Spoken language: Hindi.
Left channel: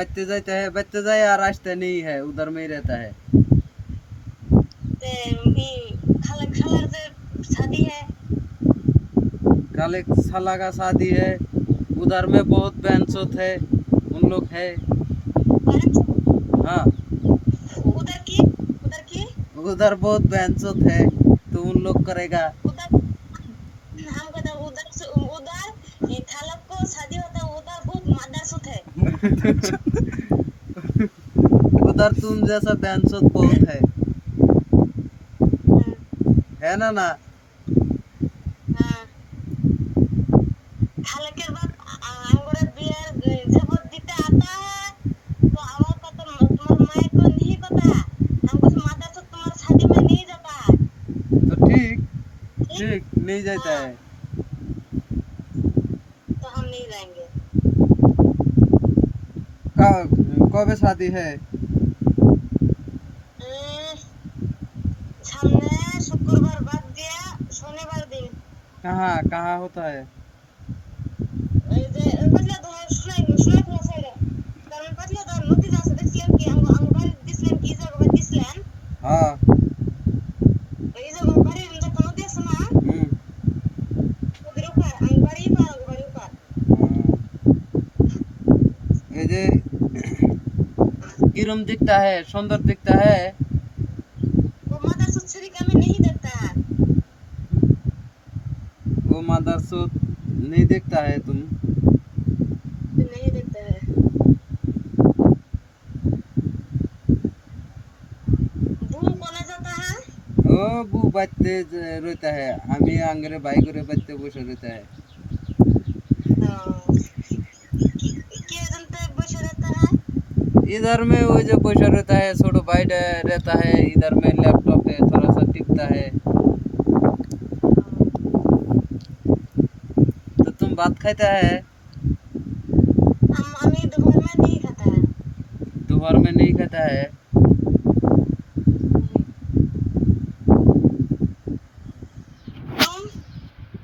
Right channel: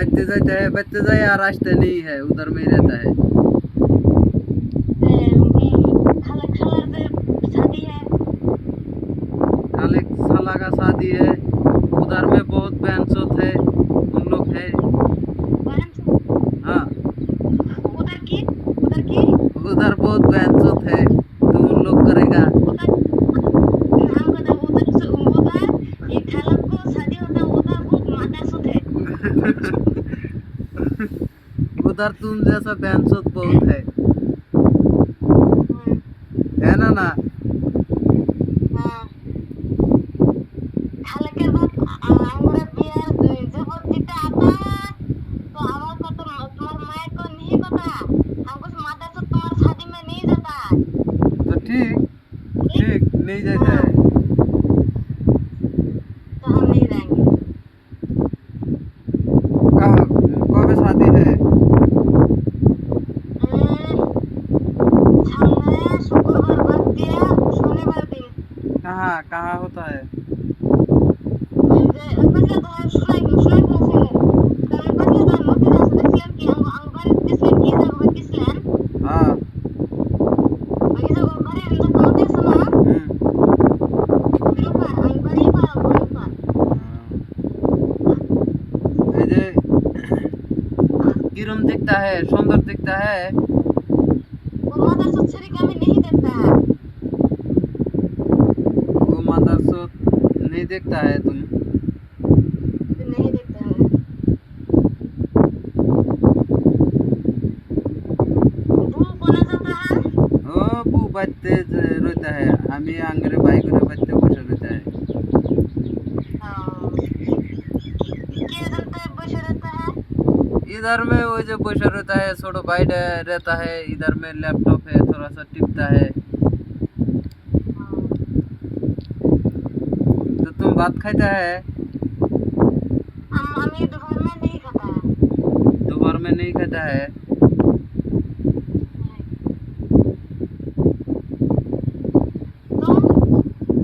बचते जाए यार, आजते नहीं है, उधर में ही रहता है। खाले साला का शादी है, उधर में बहुत बैंसोत है, उन लोग है। हाँ, उधर बहुत बैंसोत है, तो उन लोग करेगा। उधर तुम जैसा बैंसोत बहुत है ना ना। तो ठीक ठीक नहीं जाता है। कब शादी है? कहाँ कहाँ होता है? हाँ। ये जे किरम दिखता है, सुंदर दिखता है। वो मदरसूत नहीं देखता है तुम। ओ बू बच्चे रहता है, हमें आंगरे भाई करे बच्चे बसे रहता है। इधर में वो जो बसे रहता है, छोटो भाई रहता है, इधर में लैपटॉप है, थोड़ा सा टिपता है। तो तुम भात खाता है? दोपहर में नहीं खाता है।